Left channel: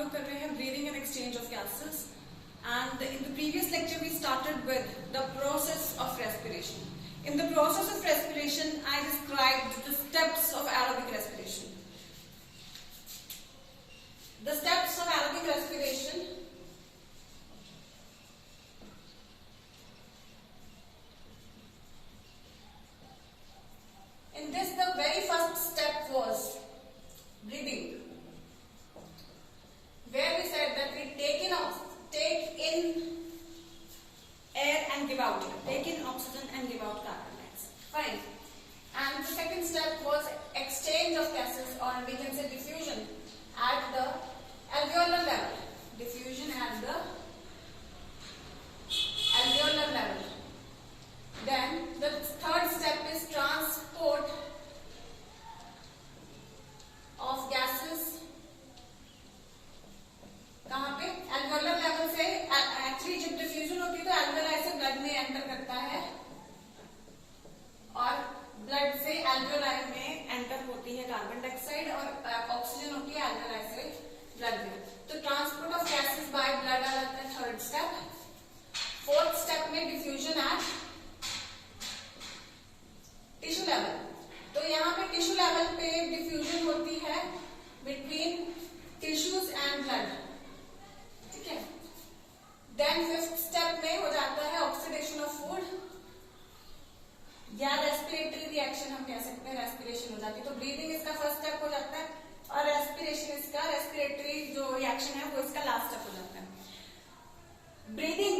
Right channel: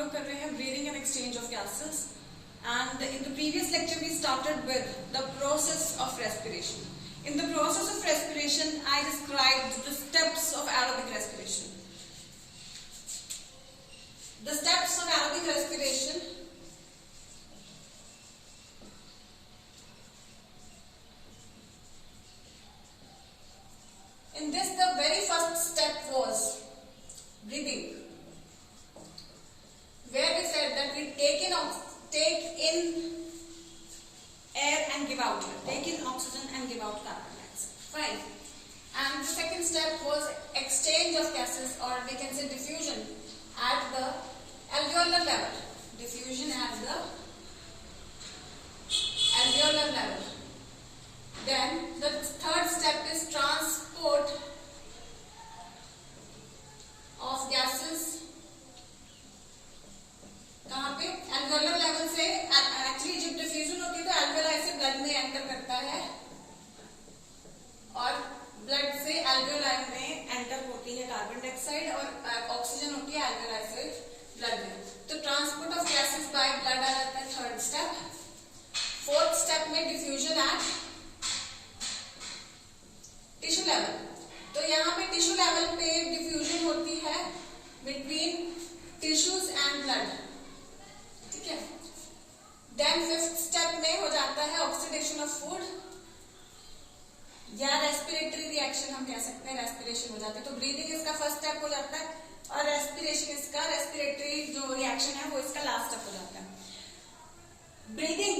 लोग कर रहे हैं breathing and exchange of gases. And in the previous lecture we started with the process of respiration. In the process of respiration I described the steps of aerobic respiration. The steps of aerobic respiration. In this the very first step was breathing, where we said that we take in air and give out. Take in oxygen and give out carbon dioxide. Fine. And the second step was exchange of gases, or we can say diffusion at the alveolar level. Diffusion at the alveolar level. Then the third step is transport of gases. कहाँ पे? एल्वेोलर level से. Actually जब diffusion होती है तो alveoli से blood में enter करता है और ब्लड से एल्वेलाई में एंटर होती है कार्बन डाइऑक्साइड और ऑक्सीजन होती है एल्वेलाई से ब्लड में. तो transport of gases by blood आ जाता है थर्ड स्टेप. फोर्थ स्टेप में डिफ्यूजन एट टिश्यू लेवल. तो यहाँ पे टिश्यू लेवल पे डिफ्यूजन होती है बिटवीन टिश्यूज एंड ब्लड. ठीक है. देन फिफ्थ स्टेप में हो जाता है ऑक्सीडेशन ऑफ फूड या रेस्पिरेटरी रिएक्शन हम कह सकते हैं. रेस्पिरेशन हो जाता है. तो ब्रीदिंग इसका फर्स्ट स्टेप हो जाता है और रेस्पिरेशन इसका, रेस्पिरेटरी जो रिएक्शन है वो इसका लास्ट स्टेप हो जाता है. ब्रीदिंग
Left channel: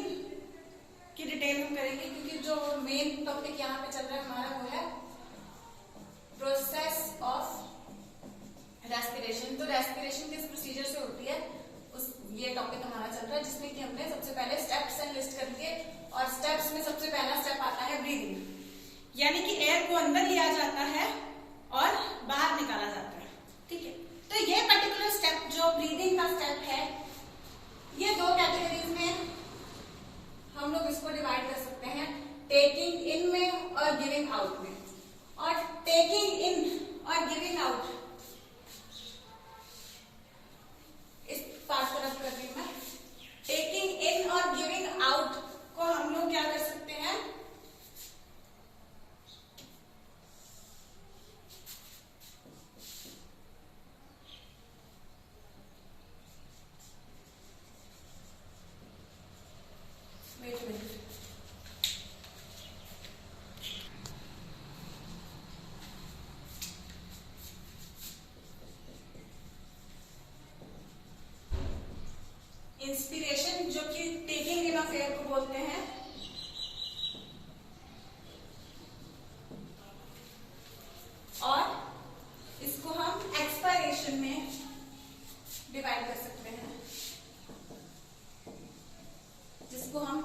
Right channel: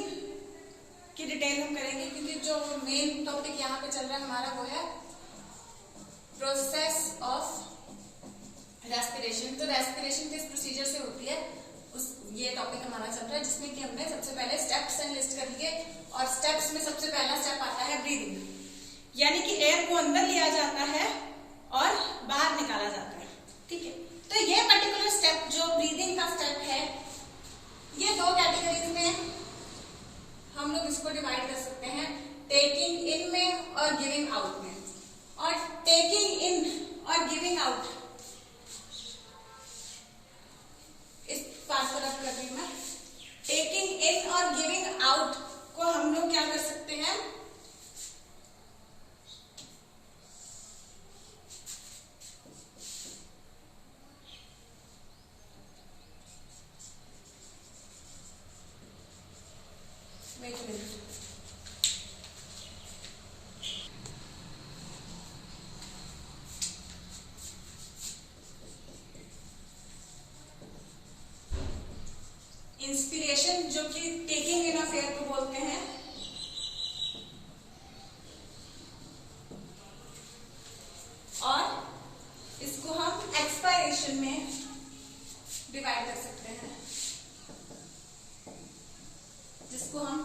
की डिटेल हम करेंगे क्योंकि जो मेन टॉपिक यहाँ पे चल रहा है हमारा वो है प्रोसेस ऑफ रेस्पिरेशन. तो रेस्पिरेशन किस प्रोसीजर से होती है ये टॉपिक हमारा चल रहा है, जिसमें कि हमने सबसे पहले स्टेप्स लिस्ट कर दिए. और स्टेप्स में सबसे पहला स्टेप आता है ब्रीदिंग, यानी कि एयर को अंदर लिया जाता है और बाहर निकाला जाता है. ठीक है. तो ये पर्टिकुलर स्टेप जो ब्रीदिंग का स्टेप है, ये दो कैटेगरीज में हम लोग इसको डिवाइड कर सकते हैं. टेकिंग इन में और गिविंग आउट में. और टेकिंग इन और गिविंग आउट, इस पार्ट को रख कर रही हूं मैं. टेकिंग इन और गिविंग आउट को हम लोग क्या कर सकते हैं, इंस्पिरेशन जो कि टेकिंग इन ऑफ एयर को बोलते हैं, और इसको हम एक्सपायरेशन में डिवाइड कर सकते हैं, जिसको हम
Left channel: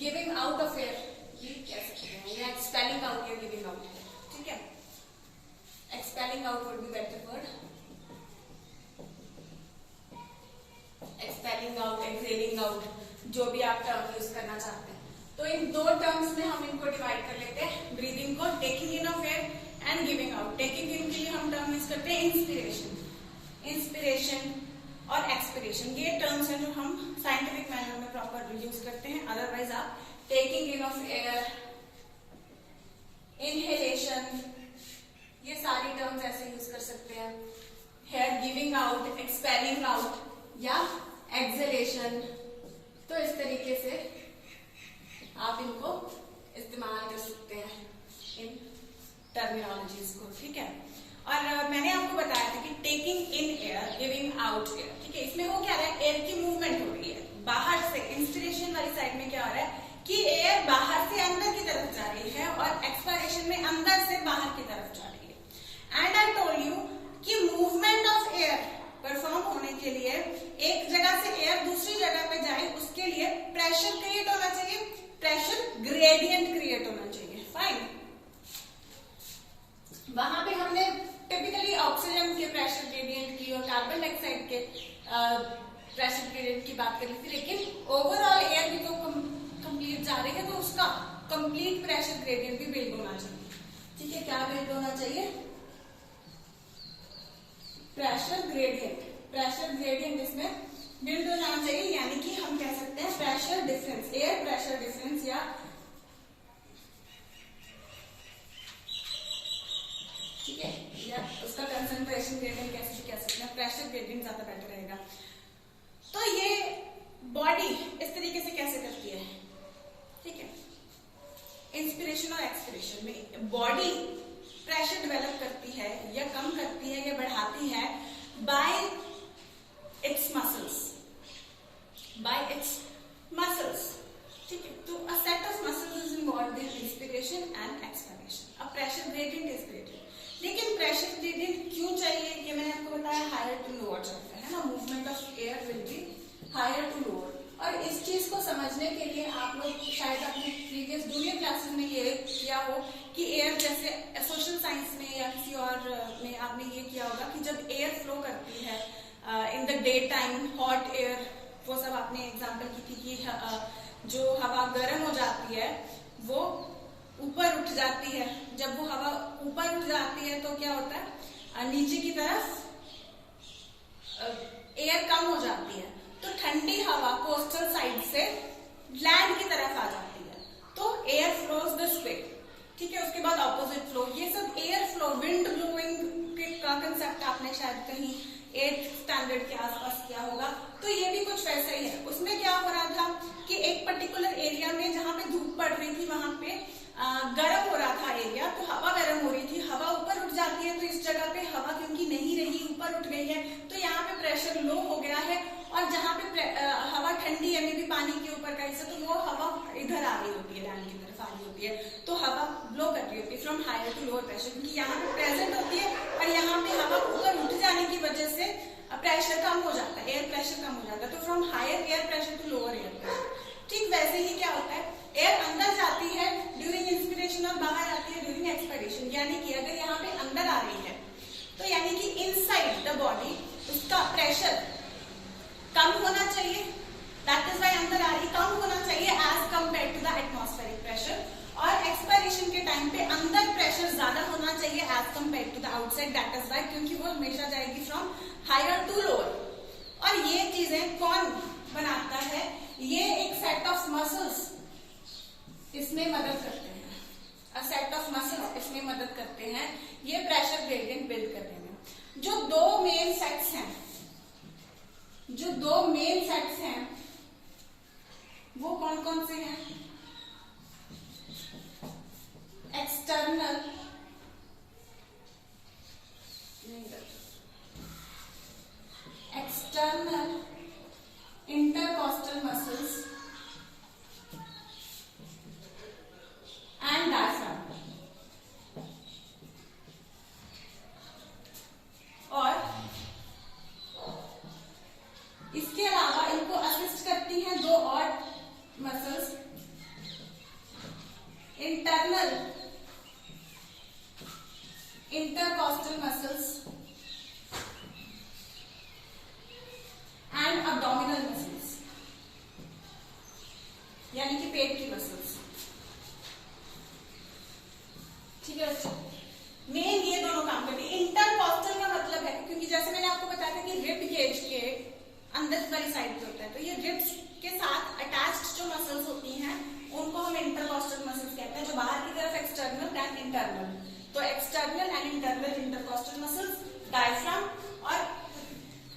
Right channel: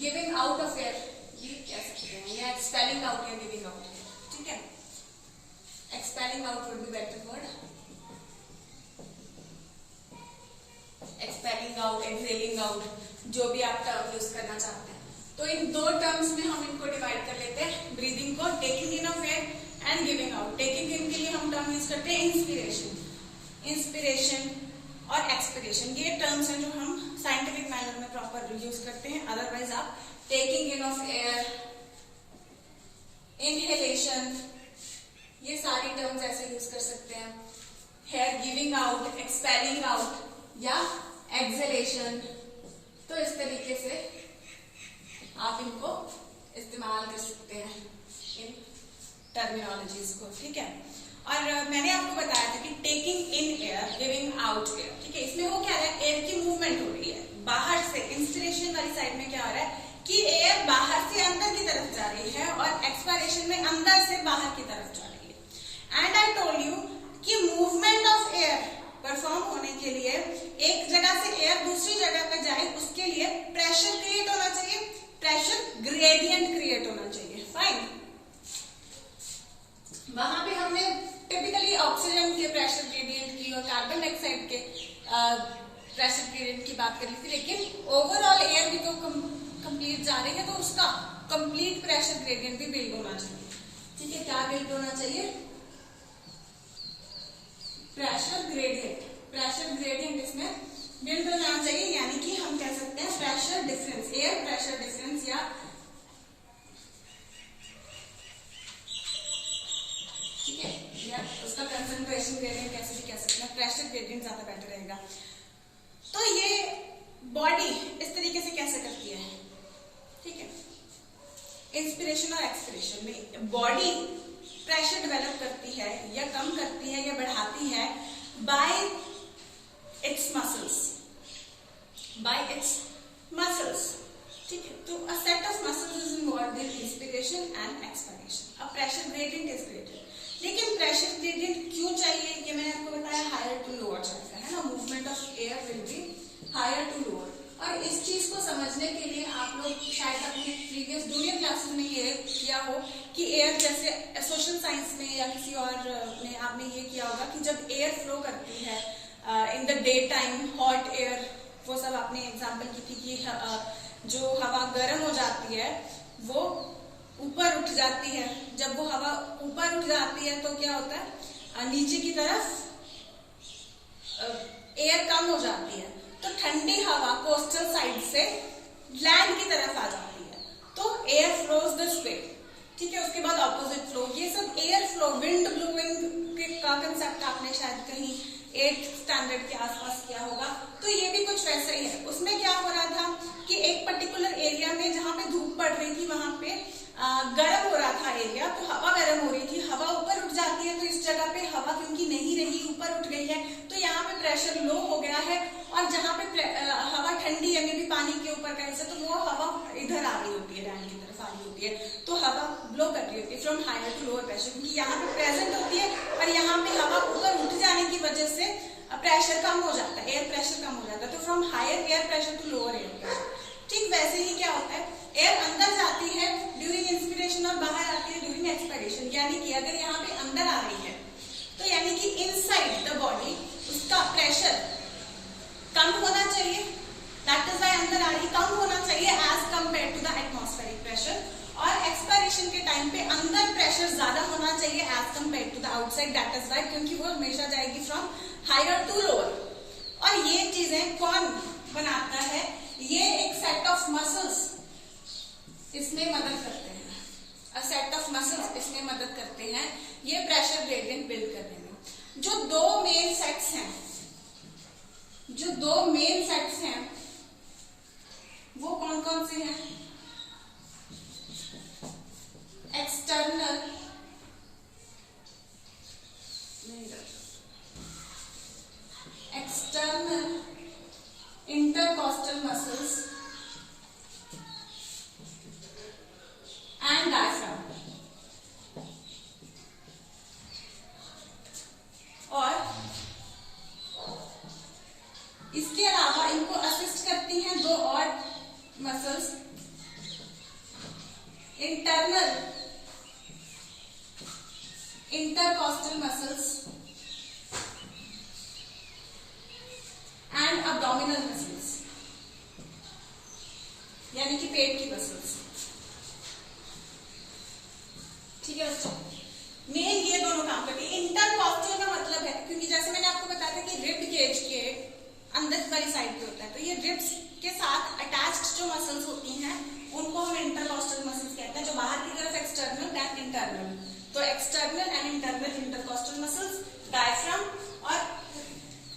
गिविंग आउट ऑफ एयर ये कह सकते हैं, या एक्सपेलिंग आउट या गिविंग आउट है. ठीक है. Expelling out would be better word. Expelling out, exhaling out, जो भी आप टर्म यूज करना चाहते हैं. तो इन दो टर्म्स में हम इनको डिवाइड कर लेते हैं ब्रीदिंग को. Taking in of air and giving out. Taking in के लिए हम टर्म यूज करते हैं इंस्पिरेशन. इंस्पिरेशन और एक्सपिरेशन ये टर्म्स हैं जो हम साइंटिफिक मैनर में प्रॉपर यूज करते हैं. अदरवाइज आप taking in of air, inhalation, ये सारी टर्म्स ऐसे यूज कर सकते हैं. Air giving out, expelling out या एक्सहेलेशन. तो इस तरीके से आप इनको इस्तेमाल कर सकते हैं इन टर्मिनोलॉजीज को. ठीक है. और मैंने आपको बताया था कि taking in air, giving out air. ठीक है. इसमें वो क्या रहा है, एयर की मूवमेंट हो रही है बाहर से. इंस्पिरेशन वाली साइड में क्या हो रहा है कि एयर बाहर से अंदर की तरफ जा रही है और एक्सपायरेशन में अंदर से बाहर की तरफ जा रही है. एंड आई टोल्ड यू कि मूवमेंट ऑफ एयर परफॉर्म होने के लिए एक जगह से एयर दूसरी जगह पे जाए, उसके लिए प्रेशर क्रिएट होना चाहिए, प्रेशर ग्रेडियंट क्रिएट होना चाहिए. फाइन. वहां पे हमने टिपिकली ऑक्सीजन के प्रेशर ग्रेडियंट की और कार्बन डाइऑक्साइड के प्रेशर ग्रेडियंट की बात कर ली थी, लेकिन ओवरऑल एयर भी तो कंप्लीट जा रही है तो उसका कंप्लीट प्रेशर ग्रेडियंट भी बिल्ड होना चाहिए. ठीक है. क्या बिल्ड होना चाहिए, प्रेशर ग्रेडियंट. प्रेशर ग्रेडियंट इसमें बिल्ड हो जाना चाहिए, यानी कि हम कह सकते हैं pressure difference, air pressure difference, या ठीक है, या उसका कंसंट्रेशन ग्रेडियंट कैसे भी कह सकते हैं, प्रेशर ग्रेडियंट ज्यादा बेटर रहेगा। तो ये बॉडी इस तरीके से कैसे करती है, ठीक है, इंस्पिरेशन और एक्सपिरेशन में बॉडी प्रेशर डेवलप करती है या कम करती है या बढ़ाती है बाय इट्स मसल्स, ठीक है। तो a set of muscles is involved in inspiration and expiration. अब प्रेशर ग्रेडियंट इज ग्रेडेड, लेकिन प्रेशर ग्रेडियंट क्यों चाहिए, ये मैंने आपको बताया, हायर टू लोअर चाहिए, है ना, movement of air will be higher to lower. और इस चीज को समझने के लिए आप लोग शायद अपने प्रीवियस जूनियर क्लासेस में ये किया हो कि एयर, जैसे सोशल साइंस में या किसी और में आपने ये किया होगा कि जब एयर फ्लो करती है in the day time, hot air, वो सब आपने एग्जांपल की थी कि जो हवा गर्म हो जाती है वो ऊपर उठ जाती है। जब वो हवा ऊपर उठ जाती है तो क्या होता है, नीचे की तरफ एयर कम हो जाती है, तो ठंडी हवा कोस्टल साइड से लैंड की तरफ आ जाती है, तो एयर फ्लोज दिस वे, ठीक है। उसके बाद ऑपोजिट फ्लो, ये सब एयर फ्लो, विंड ब्लोइंग का कंसेप्ट आपने शायद कहीं 8th स्टैंडर्ड के आसपास किया होगा। तो ये भी कुछ वैसा ही है। उसमें क्या हो रहा था कि एक पर्टिकुलर एरिया में जहां पे धूप पड़ रही थी वहां पे गर्म हो रहा था एरिया, तो हवा गर्म हो रही थी, हवा ऊपर उठ जाती है, तो इस जगह पे हवा क्योंकि नहीं रही, ऊपर उठ गई है, तो यहाँ पे प्रेशर लो हो गया है, और जहां पे हवा ठंडी है, मे भी पानी के ऊपर का हिस्सा, तो वो हवा इधर आ रही होती है, लैंड की तरफ आ रही होती है, तो हवा ब्लो कर रही होती है from higher to lower pressure, क्योंकि यहाँ पे प्रेजेंट होती है और यहाँ पे हवा ऊपर उठ जाने की वजह से प्रेशर कम हो जाता है, एयर प्रेशर कम हो जाता है, तो from higher air pressure to lower air pressure. ठीक वैसे ही क्या होता है, एयर अंदर जाती है ड्यूरिंग इंस्पिरेशन और बाहर आती है ड्यूरिंग एक्सपायरेशन। यानी कि अगर यहाँ पे अंदर आ रही है तो यानी कि इनसाइड द बॉडी उसका प्रेशर कम होना चाहिए, दैट इज व्हाई अंदर आ रही कम होना चाहिए as compare to the atmospheric pressure, और एक्सपायरेशन के टाइम पे अंदर प्रेशर ज्यादा होना चाहिए as compare to the outside, that is why, क्योंकि वो हमेशा जाएगी फ्रॉम हायर टू लोअर। और ये चीजें कौन बनाता है, ये एक सेट ऑफ मसल्स इसमें मदद करते हैं, अ सेट ऑफ मसल्स इसमें मदद करते हैं ये प्रेशर ग्रेडियंट बिल्ड करने में। जो दो मेन सेट्स हैं वो कौन कौन से हैं, external intercostal muscles and diaphragm, और इसके अलावा इनको असिस्ट करती हैं दो और muscles, internal intercostal muscles and abdominal muscles, यानी कि पेट की मसल्स, ठीक है बच्चों। मेन ये दोनों काम करती है। इंटरकॉस्टल का मतलब है, क्योंकि जैसे मैंने आपको बताया था कि रिब गेज के अंदर वाली साइड पे होता है, तो ये रिब्स के साथ अटैच्ड जो मसल्स होती हैं उनको हम इंटरकॉस्टल मसल्स कहते हैं, जो बाहर की तरफ एक्सटर्नल दैन इंटरनल, तो external and internal intercostal muscles, diaphragm और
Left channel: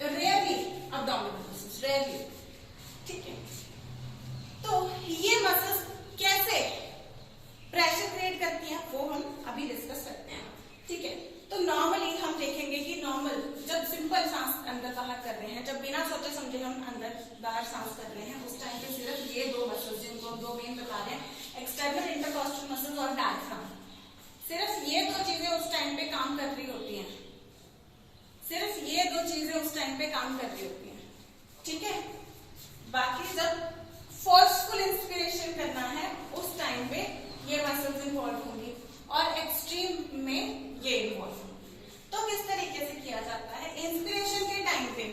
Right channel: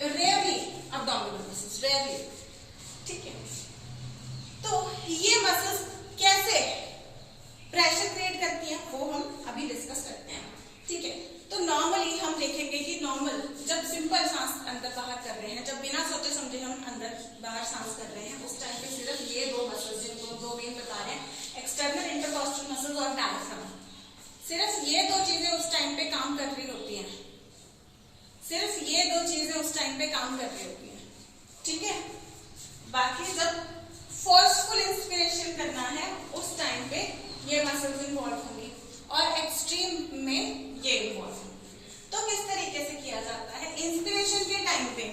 रेयरली abdominal मसल्स, रेयरली, ठीक है। तो ये मसल्स कैसे प्रेशर क्रिएट करती हैं वो हम अभी डिस्कस करते हैं, ठीक है। तो नॉर्मली हम देखेंगे कि नॉर्मल जब सिंपल सांस अंदर बाहर कर रहे हैं, जब बिना सोचे समझे हम अंदर बाहर सांस कर रहे हैं, उस टाइम पे सिर्फ ये दो मसल्स जिनको दो मेन बता रहे हैं, एक्सटर्नल इंटरकॉस्टल मसल्स और डायफ्राम, सिर्फ ये दो चीजें उस टाइम पे काम कर रही होती हैं, सिर्फ ये दो चीजें उस टाइम पे काम कर रही होती हैं, ठीक है। बाकी जब फोर्सफुल इंस्पिरेशन करना है उस टाइम पे ये मसल्स इन्वॉल्व होंगी और एक्सट्रीम में ये इन्वॉल्व होंगी। तो किस तरीके से किया जाता है इंस्पिरेशन के टाइम पे,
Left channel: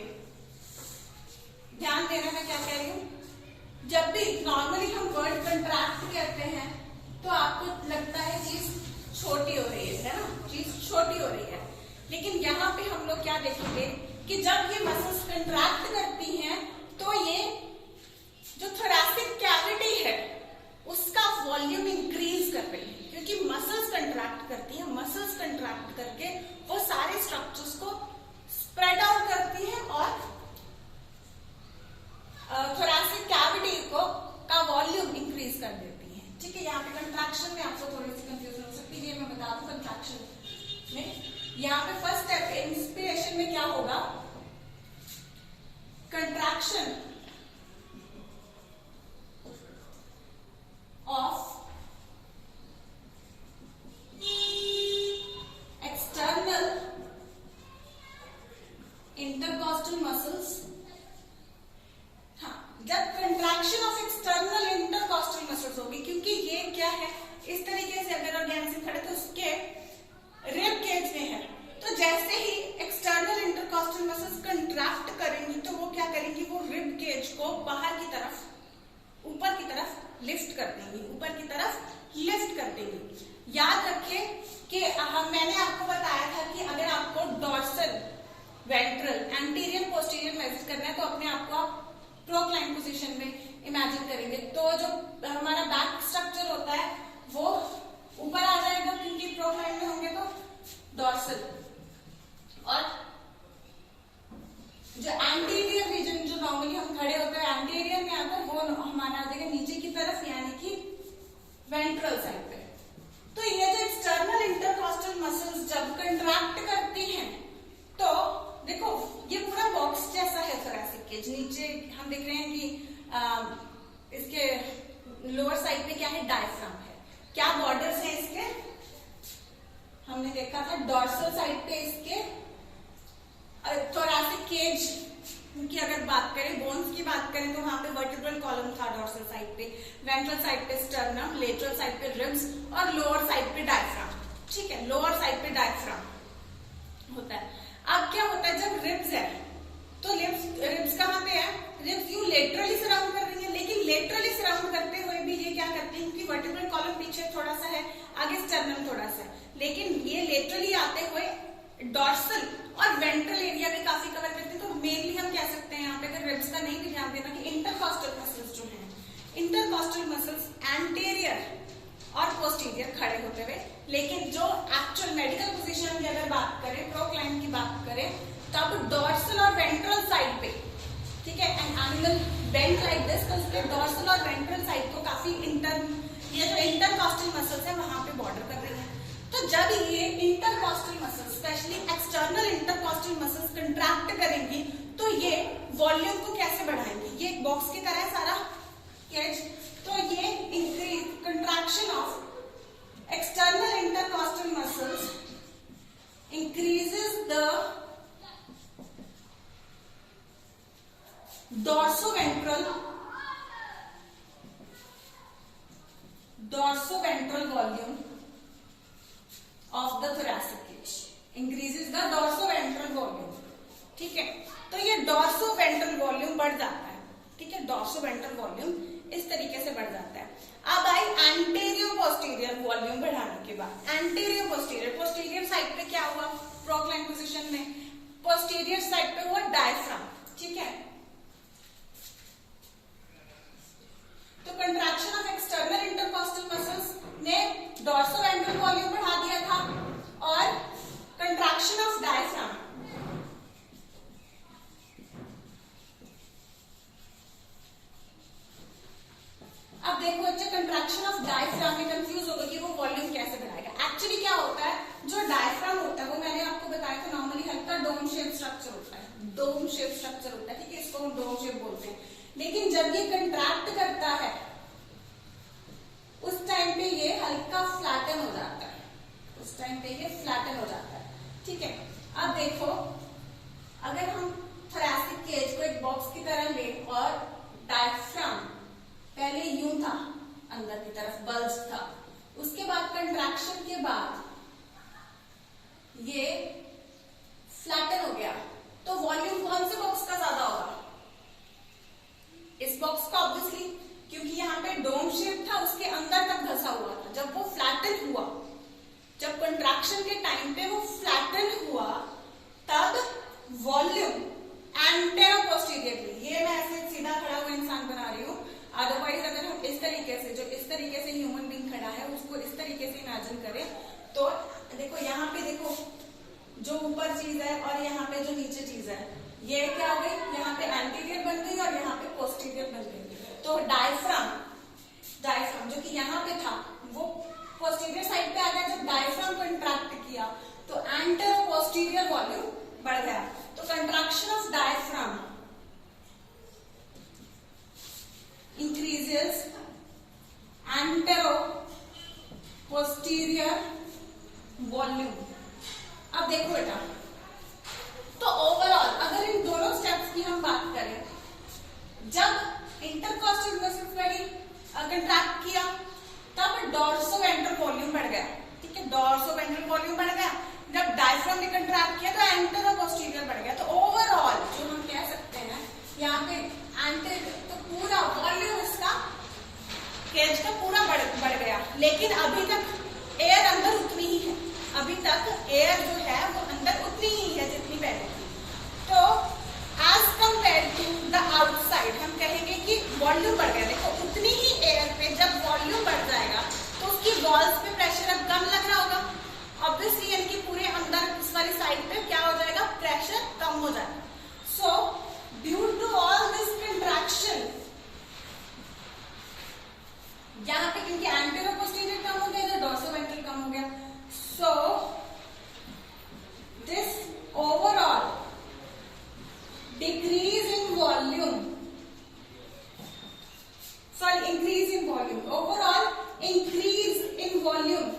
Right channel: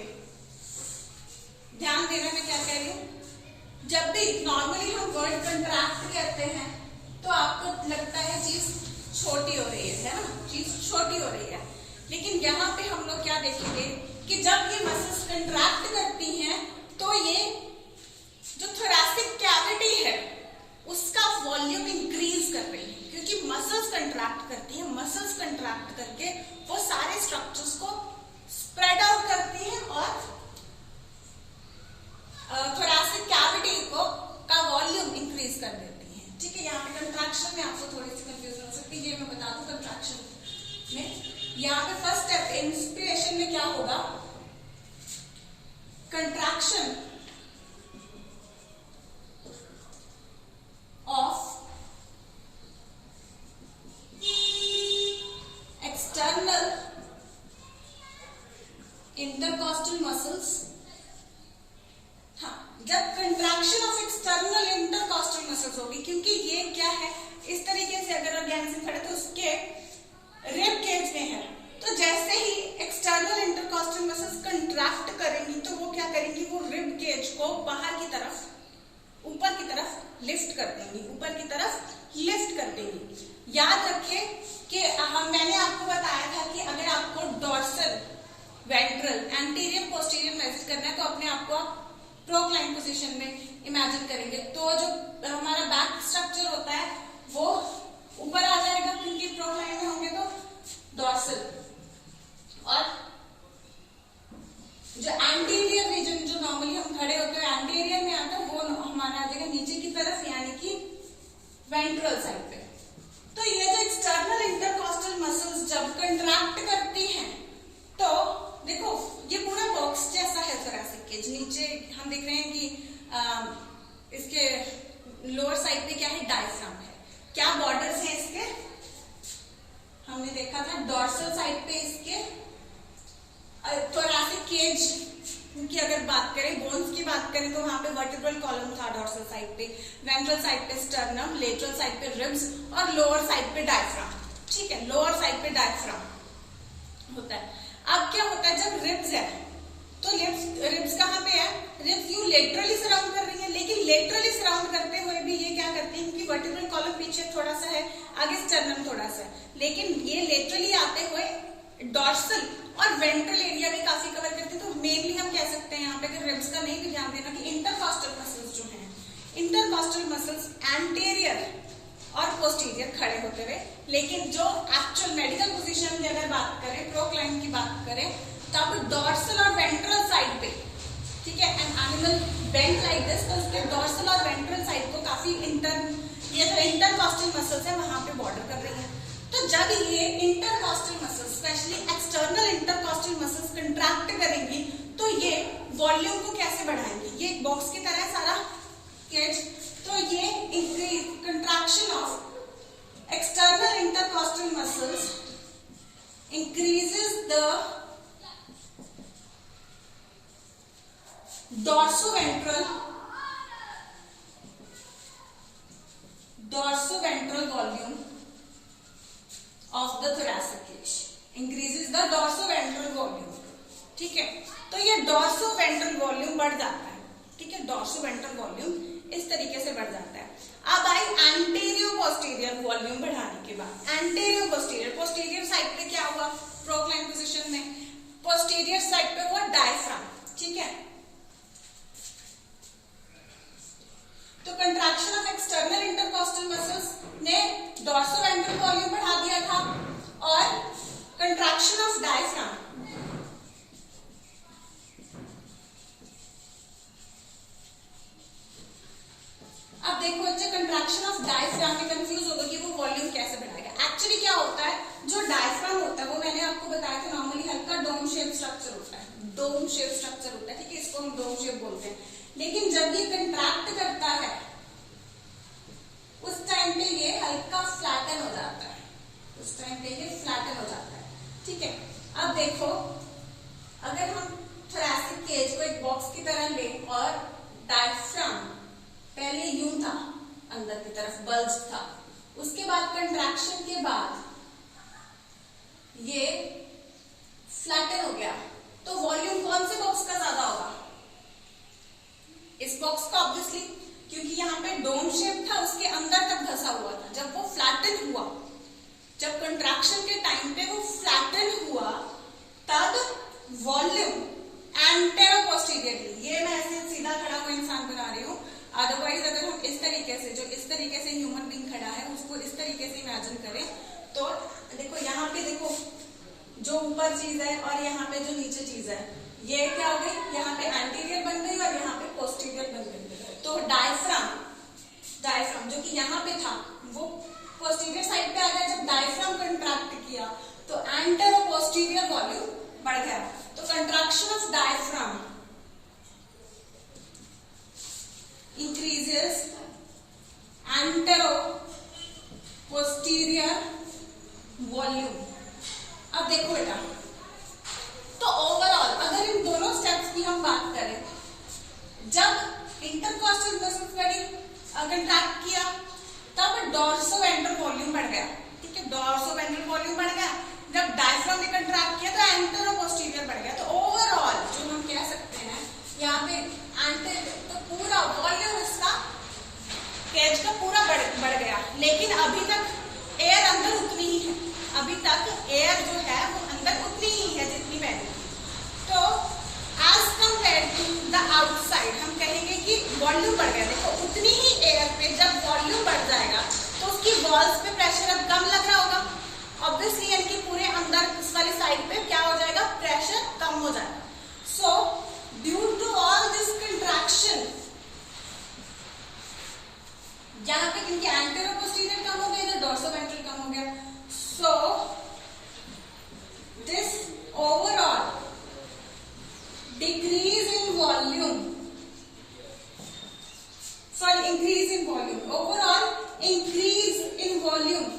ध्यान देना मैं क्या कह रही हूं। जब भी नॉर्मली हम वर्ड कंट्रैक्ट करते हैं तो आपको लगता है चीज छोटी हो रही है ना, चीज छोटी हो रही है, लेकिन यहाँ पे हम लोग क्या देखेंगे कि जब ये मसल्स कंट्रैक्ट करती हैं तो ये जो थोरैसिक कैविटी है उसका वॉल्यूम इंक्रीज कर रही है, क्योंकि मसल्स कंट्रैक्ट करती है, मसल्स कंट्रैक्ट करके वो सारे स्ट्रक्चर्स को स्प्रेड आउट करती है और थोरैसिक कैविटी का वॉल्यूम इंक्रीज कर देती है। ठीक है, यहाँ पे कंट्रैक्शन में आपको थोड़ी सी कंफ्यूजन हो सकती है, ये मैं बता दूं। कंट्रैक्शन में यहाँ पे फर्स्ट स्टेप इंस्पिरेशन में क्या होगा, contraction of external intercostal muscles. हाँ, जब contraction of external intercostal muscles होगी, क्योंकि ये क्या है, इस तरीके से अगर ऑर्गेनिज्म खड़े तो उसके रिब केज में है, तो जैसे ही एक्सटर्नल इंटरकॉस्टल मसल्स कंट्रैक्ट करेंगी तो वो क्या करेंगी, वो रिब केज को बाहर की तरफ, ऊपर की तरफ लिफ्ट कर देंगी, ऊपर की तरफ लिफ्ट कर देंगी। याद रखें कि मैंने आपको बताया था कि अगर आपको dorsal, ventral, anterior, posterior measure करना है तो अपने आप को आप प्रोक्लाइन पोजीशन में इमेजिन करेंगे, तो जो हमारा बैक स्ट्रक्चर होता है वो ऊपर आ जाएगा, क्योंकि प्रोक्लाइन में होंगे तो डॉर्सल, और जो एंटीरियर रीजन जो नॉर्मली हम खड़े होते हैं एंटीरियर में आता है वो हमारा आ जाएगा नीचे की तरफ, यानी कि वेंट्रल साइड पे। तो ये जो एक्सटर्नल इंटरकॉस्टल मसल्स जब कंट्रैक्ट करती हैं तो देखो ये पूरा बॉक्स जैसा है थोरैसिक केज। नीचे हम देख रहे हैं कि इसके लोअर साइड पे क्या है, डायफ्राम है। क्या बॉर्डर्स हैं इसके, हमने देखा था डॉर्सल साइड पे इसके थोरैसिक केज की अगर बात करें, बोन्स की बात करें तो वहां पे वर्टिब्रल कॉलम था डॉर्सल साइड पे, वेंट्रल साइड पे स्टर्नम, लेटरल साइड पे रिब्स और लोअर साइड पे डायफ्राम। ठीक है, लोअर साइड पे डायफ्राम होता है। अब क्या होता है, जब रिब्स है तो रिब्स कहाँ पे है, रिब्स यू लेटरली सराउंड कर रही है, लेकिन लेटरली सराउंड करते हुए भी ये क्या करती है, क्योंकि वर्टिब्रल कॉलम पीछे थोड़ा सा है, आगे स्टर्नम थोड़ा सा है, लेकिन ये लेटरली आते हुए डॉर्सल और वेंट्रल एरिया भी काफी कवर करते हैं। तो मेनली हम कह सकते हैं यहाँ पे, अगर रिब्स का नहीं भी ध्यान देना, कि इंटरकॉस्टल मसल्स जो हैं, इंटरकॉस्टल मसल्स एंटीरियर और पोस्टीरियर खड़े होते हुए, लेकिन जो एक्चुअल मेडिकल पोजीशन की अगर बात करें, प्रोक्लाइन की बात करें, तब डॉर्सल और वेंट्रल साइड पे, ठीक है, an animal bend like this, तो उसके डॉर्सल और वेंट्रल साइड को काफी ये जो इंटरकॉस्टल मसल्स है वहां पे बॉर्डर कर रही है। तो जब ये intercostal muscles, specially external intercostal muscles contract करेंगी तो ये वॉल्यूम को कैसे बढ़ाएंगी, ये एक बॉक्स की तरह है सारा केज, तो ये increase contraction of external intercostal muscles increases the dorsoventral volume of the thoracic cage, increases the dorsoventral volume। ठीक है, तो ये dorsoventral volume बढ़ जाता है। ठीक है, dorsoventral volume इस तरीके से बढ़ जाता है। अब आई एंटीरियर पोस्टीरियर वॉल्यूम बढ़ाने के बाद, एंटीरियर पोस्टीरियर साइड पे क्या हुआ, प्रोक्लाइन पोजीशन में पोस्टीरियर साइड पे हुआ डायफ्राम। ठीक है, तो contraction of external intercostal muscles ने डॉर्सोवेंट्रल वॉल्यूम बढ़ा दिया था, और कंट्रैक्शन ऑफ डायफ्राम अब देखो बच्चे, कंट्रैक्शन ऑफ डायफ्राम में कंफ्यूज होगा कि वो वॉल्यूम कैसे बढ़ाएगा। एक्चुअली क्या होता है, जो डायफ्राम होता है वो मैंने आपको बताया था, नॉर्मली हल्का डोम शेप स्ट्रक्चर होता है, डोम शेप स्ट्रक्चर होता है। ठीक है, इसको हम डोम शेप बोलते हैं। लेकिन जब ये कंट्रैक्ट करता है उस टाइम पे ये हल्का फ्लैटन हो जाता है, उस टाइम पे ये फ्लैटन हो जाता है। ठीक है, अब देखो, अगर हम थोरैसिक केज को एक बॉक्स की तरह ले और डायफ्राम पहले यूं था, अंदर की तरफ बल्ज था, उसके बाद कंट्रैक्शन के बाद ये फ्लैटन हो गया, तो वॉल्यूम कौन से बॉक्स का ज्यादा होगा, इस बॉक्स का ऑब्वियसली, क्योंकि यहाँ पे डोम शेप था, उसके अंदर तक धसा हुआ था। जब वो फ्लैटन हुआ, जब कंट्रैक्शन के टाइम पे वो फ्लैटन हुआ, तब वॉल्यूम एंटेरो पोस्टीरियरली, ये मैं ऐसे इमेजिन करें तो देखो यहाँ पे देखो जो ऊपर चीज है और यहाँ पे जो नीचे चीज है, ये क्या हो गई, यहाँ पे एंटीरियर बन गई और यहाँ पे पोस्टीरियर बन गई। तो डायफ्राम जो कि यहाँ पे था वो पोस्टीरियर साइड पे आ गया। जब डायफ्राम कंट्रैक्ट किया तो एंटेरो पोस्टीरियर वॉल्यूम बढ़ गया। तो contraction of diaphragm increases antero posterior volume. अब देखो बेटा, तो ओवरऑल अगर इन दोनों स्टेप्स की हम बात करें, जब इंटरकॉस्टल मसल फ्लैरिंग कंट्रैक्ट किया तब डॉर्सोवेंट्रल वॉल्यूम बढ़ गया। ठीक है, डॉर्सोवेंट्रल वॉल्यूम बढ़ गया। जब डायफ्राम ने कंट्रैक्ट किया तो एंटेरो पोस्टीरियर बढ़ गया। तो ओवरऑल जो हम कह सकते हैं यहाँ पे तो पूरा वॉल्यूम इसका केज का पूरा बढ़ गया। लेकिन अभी तक एयर अंदर उतनी ही है, अभी तक एयर जो है वो अंदर उतनी ही है जितनी पहले थी। तो as compare to the outside हम कहेंगे कि वॉल्यूम बढ़ गया। देखो उतनी ही एयर पे जब वॉल्यूम बढ़ जाएगा तो उसकी वॉल्स पे प्रेशर अब कम लग रहा होगा ऑब्वियसली, यानी कि पूरे अंदर इस वाली साइड पे क्या हो जाएगा, प्रेशर कम हो जाएगा। So due to all this contraction, यहाँ पे क्योंकि एंटेरो पोस्टीरियर कम हो गया, डॉर्सोवेंट्रल कम हो गया, so this overall decrease in volume, sorry, increase in volume, overall increase in volume,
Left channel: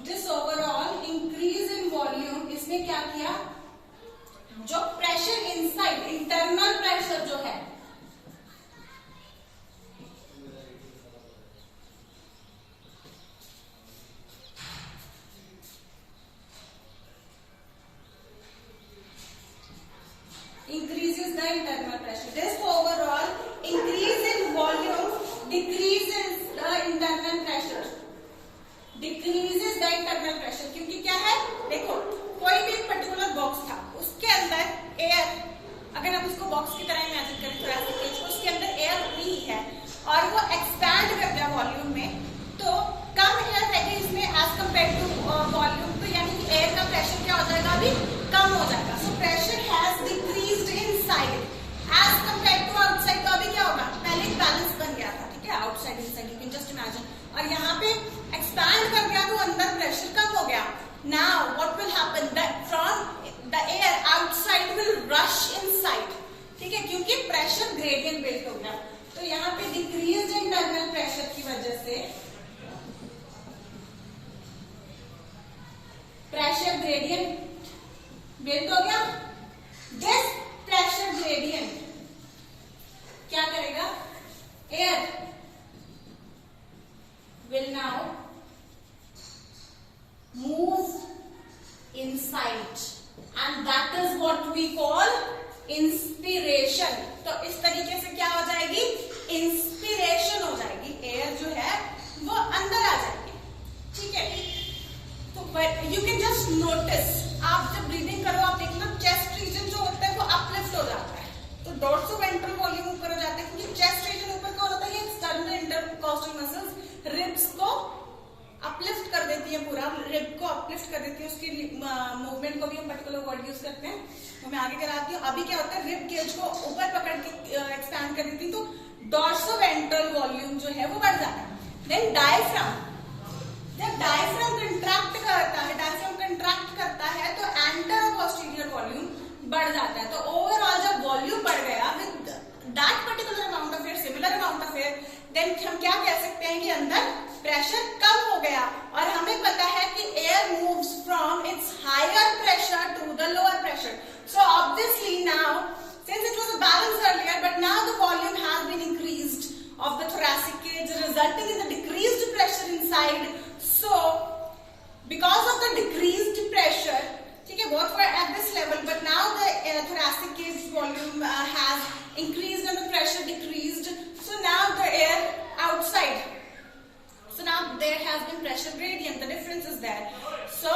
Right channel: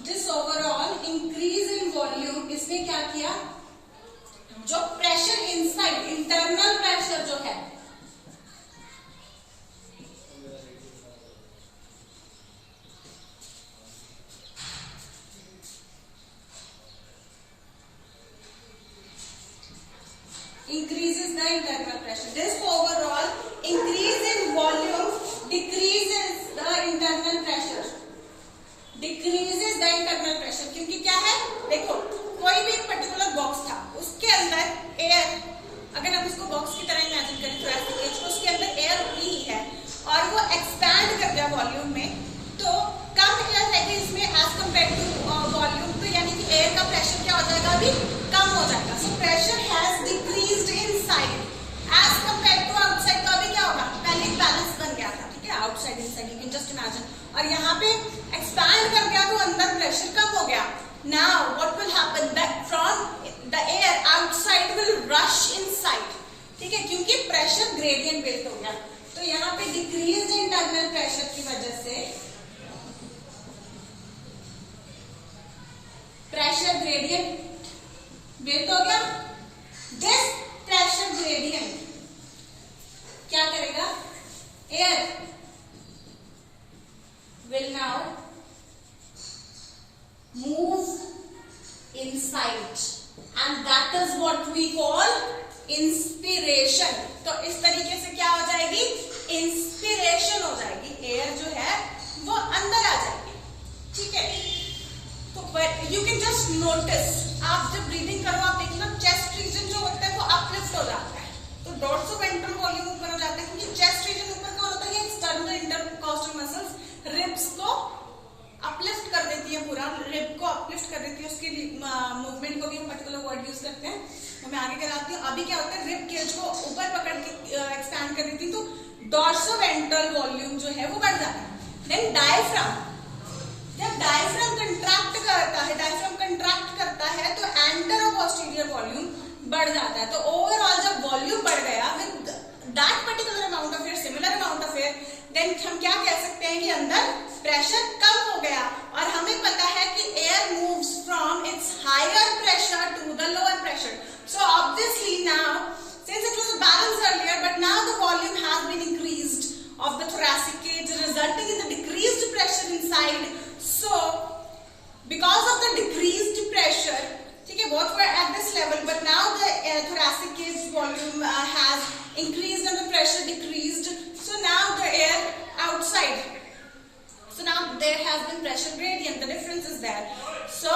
this overall increase in volume इसने क्या किया, जो प्रेशर इनसाइड इंटरनल प्रेशर जो है increases the internal pressure. This overall increase in volume decreases the internal pressure. Decreases the internal pressure क्योंकि क्या है, देखो कोई भी एक पर्टिकुलर बॉक्स था, उसके अंदर एयर, अगर हम इसको बॉक्स की तरह इमेजिन करें थोरेसिक केज को, उसके अंदर एयर उतनी ही है और वो एक्सपैंड कर गया वॉल्यूम में, तो कम एयर रहेगी इसमें एज कम्पेयर टू वॉल्यूम। तो यानी कि एयर का प्रेशर क्या हो जाएगा, अभी कम हो जाएगा। So pressure has decreased inside as compare to outside. तो अभी क्या होगा, पहले एक बैलेंस बन गया था, ठीक है, outside inside, you can just imagine, और यहाँ पे एक्सपैंड कर गया तो अंदर प्रेशर कम हो गया। Now what will happen, that from the air outside will rush inside, ठीक है, क्योंकि प्रेशर ग्रेडियंट बिल्ट हो गया। तो यहाँ पे डिक्रीज्ड इंटरनल प्रेशर की वजह से प्रेशर ग्रेडियंट बिल्ट हो गया। दिस प्रेशर ग्रेडियंट क्या करेगा, air will now move inside and that is what we call inspiration। तो इस तरीके से क्या हो जाएगी, इंस्पिरेशन हो जाएगी, एयर जो है वो अंदर आ जाएगी। ठीक है, तो यू कैन जस्ट नोटिस, आप जब ब्रीदिंग करो आप देखना चेस्ट रीजन जो होता है वो अपलिफ्ट हो जाता है, तो डॉर्सोवेंट्रल वॉल्यूम ऊपर हो जाता है, क्योंकि चेस्ट रीजन ऊपर कौन होता है, एक्सटर्नल इंटरकॉस्टल मसल्स रिब्स को अपलिफ्ट कर देती है, पूरा रिब को अपलिफ्ट कर देती है, उसकी मूवमेंट को भी हम पर्टिकुलर वर्ड यूज करते हैं, तो मैं आगे कराती हूँ। अभी क्या होता है, रिब केज को ऊपर पकड़ के एक्सपैंड कर देती है, तो डॉर्सोवेंट्रल वॉल्यूम जो है वो बढ़ जाता है। देन डायफ्राम, जब डायफ्राम कंट्रैक्ट करता है तो एंटेरो पोस्टीरियर वॉल्यूम बढ़ जाता है। तो ओवरऑल जब वॉल्यूम बढ़ गया with that particular amount of air, similar amount of air, then हम क्या कह सकते हैं कि अंदर प्रेशर कम हो गया। और हमें पता है कि air moves from its higher pressure to the lower pressure, so obviously now since it was a balance earlier but now the volume has been increased of the thoracic cage resulting in the decreased pressure inside. So because of the decreased pressure, ठीक है, both were at this level but now the thoracic cage volume has increased and the pressure decreased, so now the air outside, so now there has been pressure gradient, the difference is there. So